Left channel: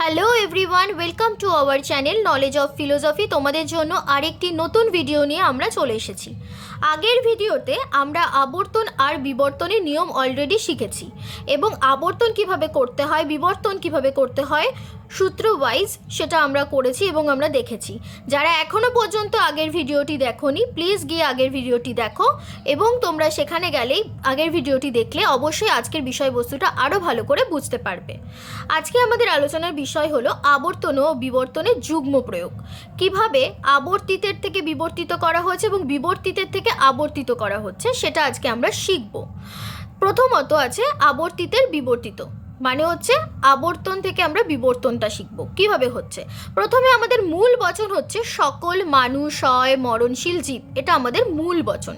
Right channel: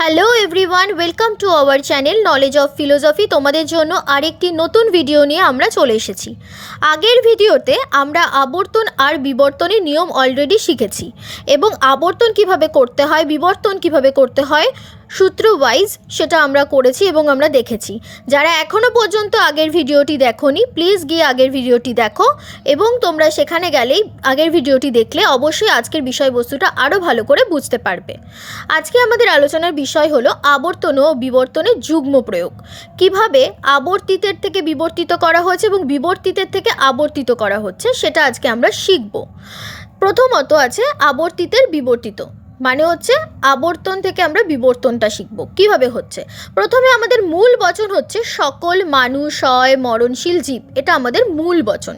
Hello everyone welcome to our channel knowledge of philosophy তোমাদের জন্য আরেকটি নতুন ভিডিও নিয়ে আমরা চলে এসেছি। আগের ভিডিওতে আমরা আবর্তন আর বিবর্তনের নিয়ম অলরেডি শিখেছি। এবং আবর্তন কীভাবে করতে হয়, বিবর্তন কীভাবে করতে হয় সূত্র ওয়াইজ সেটা আমরা করেছি এবং আমরা দেখেছি। যারা এখনও পর্যন্ত আগের ভিডিওটি দেখোনি প্লিজ গিয়ে আগের ভিডিওটি দেখো এবং তোমরা সেখানে গেলেই আগের ভিডিওটি দেখলে অবশ্যই আজকের বিষয়বস্তুটা আরও ভালো করে বুঝতে পারবে। আজকে আমাদের আলোচনার বিষয় হলো আবর্তন ও বিবর্তনের যুগ্ম প্রয়োগ। কীভাবে আবর্তিতের থেকে বিবর্তিত করা হয়েছে এবং বিবর্তিতের থেকে আবর্তিত করা হচ্ছে সেটা আজকে আমরা শিখব। প্রথমত আছে আবর্তিতের বিবর্তিত। মানে হচ্ছে আবর্তন থেকে আমরা বিবর্তনটা শিখব। কীভাবে হচ্ছে? প্রথমে আমাদের মূল বচন হচ্ছে সকল মানুষ হয় মরণশীল জীব। এটা আমাদের মূল বচন।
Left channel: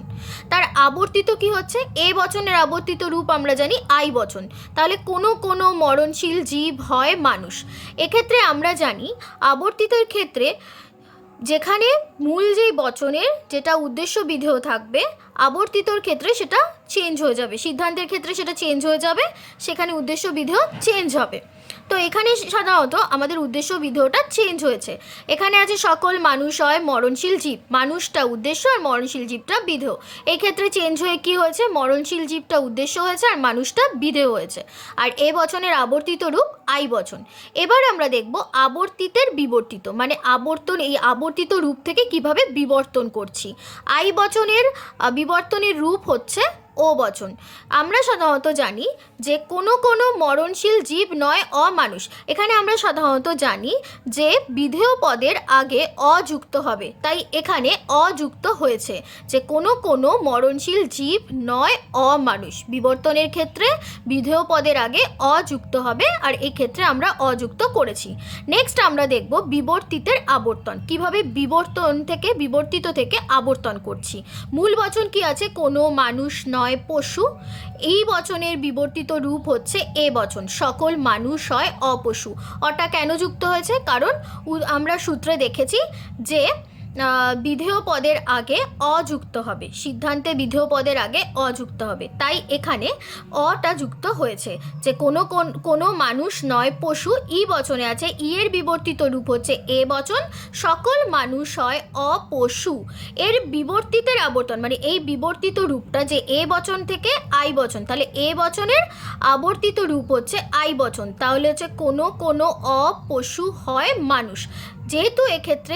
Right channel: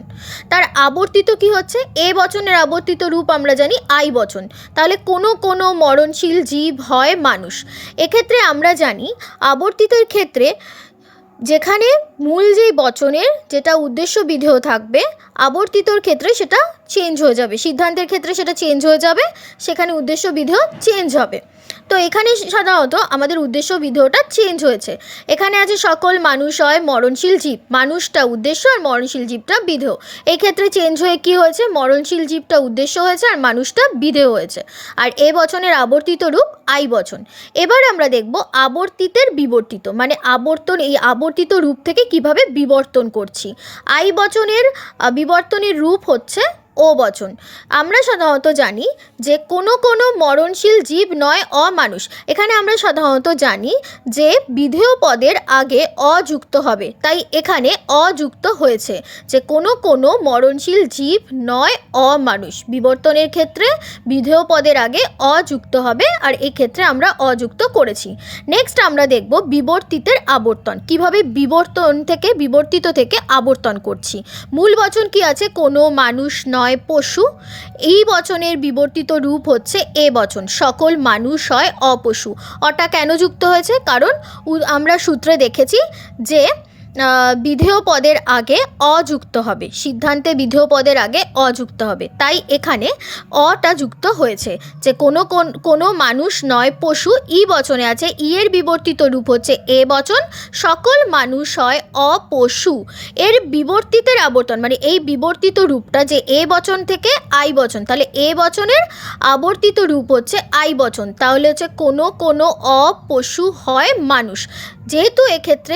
তার আবর্তিত কি হচ্ছে? এ বচনের আবর্তিত রূপ আমরা জানি আই বচন। তাহলে কোনো কোনো মরণশীল জীব হয় মানুষ। এক্ষেত্রে আমরা জানি আবর্তিতের ক্ষেত্রে যেখানে মূল যেই বচনের যেটা উদ্দেশ্য বিধেয় থাকবে আবর্তিতর ক্ষেত্রে সেটা চেঞ্জ হয়ে যাবে, সিদ্ধান্তের ক্ষেত্রে সেটা চেঞ্জ হয়ে যাবে, সেখানে উদ্দেশ্য বিধেয় চেঞ্জ হবে। তো এখানে সাধারণত আমাদের উদ্দেশ্য বিধেয়টা চেঞ্জ হয়েছে। এখানে আছে সকল মানুষ হয় মরণশীল জীব, মানুষটা উদ্দেশ্য আর মরণশীল জীবটা বিধেয়। এই ক্ষেত্রে চেঞ্জ হয়ে কি হয়েছে? মরণশীল জীবটা উদ্দেশ্য হয়েছে আর মানুষটা বিধেয় হয়েছে। আর এ বচনের আবর্তিত রূপ আই বচন। এবার আমরা দেখব আবর্তিতের বিবর্তিত মানে আবর্তন, এই আবর্তিত রূপ থেকে কীভাবে বিবর্তন করছি। আই বচনের বিবর্তনের রূপ হচ্ছে ও বচন। আমরা সাধারণত জানি যে কোনো কোনো মরণশীল জীব নয়, অমানুষ। এখানে আমরা সাধারণত জানি যে বিধেয় পদের আগে অযুক্ত হবে। তাই এখানে অযুক্ত হয়েছে যে কোনো কোনো মরণশীল জীব নয়, অমানুষ। বিবর্তনের ক্ষেত্রে বিধেয় পদের আগে অযুক্ত হবে আর এই ক্ষেত্রে আমরা অযুক্ত করেছি। নেক্সট আমরা দেখব বিবর্তিতের আবর্তন। কীভাবে বিবর্তন থেকে, বিবর্তিত থেকে আবর্তন করছি? মূল বচন কি আছে? কোনো মানুষ নয় পশু, এই বচনের বিবর্তিত রূপ হচ্ছে এ বচন। সকল মানুষ হয় অপশু। অটা কেন যুক্ত হয়েছে? কারণ আমরা সূত্রে দেখেছি যে বিধেয় পদের আগে অযুক্ত হবে। সিদ্ধান্তে বিধেয় পদের আগে অযুক্ত হবে। তাই এখানে অটা যুক্ত হয়েছে যে কোনো, কোন- মানুষ নয়, পশু ই বচনে আছে। ই এর বিবর্তিত রূপ হচ্ছে এ বচন। সকল মানুষ হয় অপশু। এর বিবর্তিতের আবর্তন মানে এই বিবর্তিত রূপটা যে এ বচন থেকে আই বচন, তাহলে এ বচনের আবর্তিত রূপ হচ্ছে আই বচন। তাহলে হচ্ছে কোনো কোনো অপশু হয় মানুষ। যেহেতু এক্ষেত্রে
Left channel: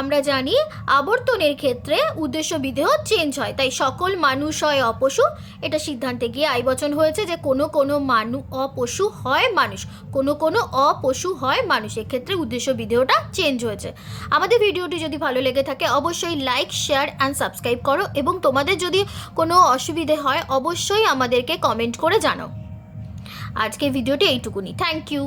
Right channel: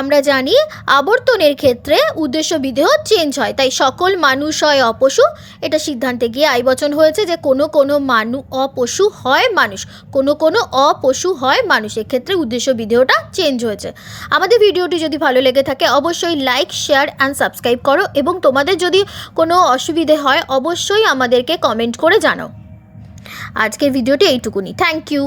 আমরা জানি আবর্তনের ক্ষেত্রে উদ্দেশ্য বিদেহ চেঞ্জ হয়, তাই সকল মানুষ হয় অপশু। এটা সিদ্ধান্তে গিয়ে আই বচন হয়েছে যে কোনো কোনো মানু, অপশু হয় মানুষ, কোনো কোনো অপশু হয় মানুষ, এক্ষেত্রে উদ্দেশ্য বিদেহটা চেঞ্জ হয়েছে। আমাদের ভিডিওটি যদি ভালো লেগে থাকে অবশ্যই লাইক শেয়ার অ্যান্ড সাবস্ক্রাইব করো এবং তোমাদের যদি কোনো অসুবিধে হয় অবশ্যই আমাদেরকে কমেন্ট করে জানাও। আজকের ভিডিওটি এইটুকুনি। Thank you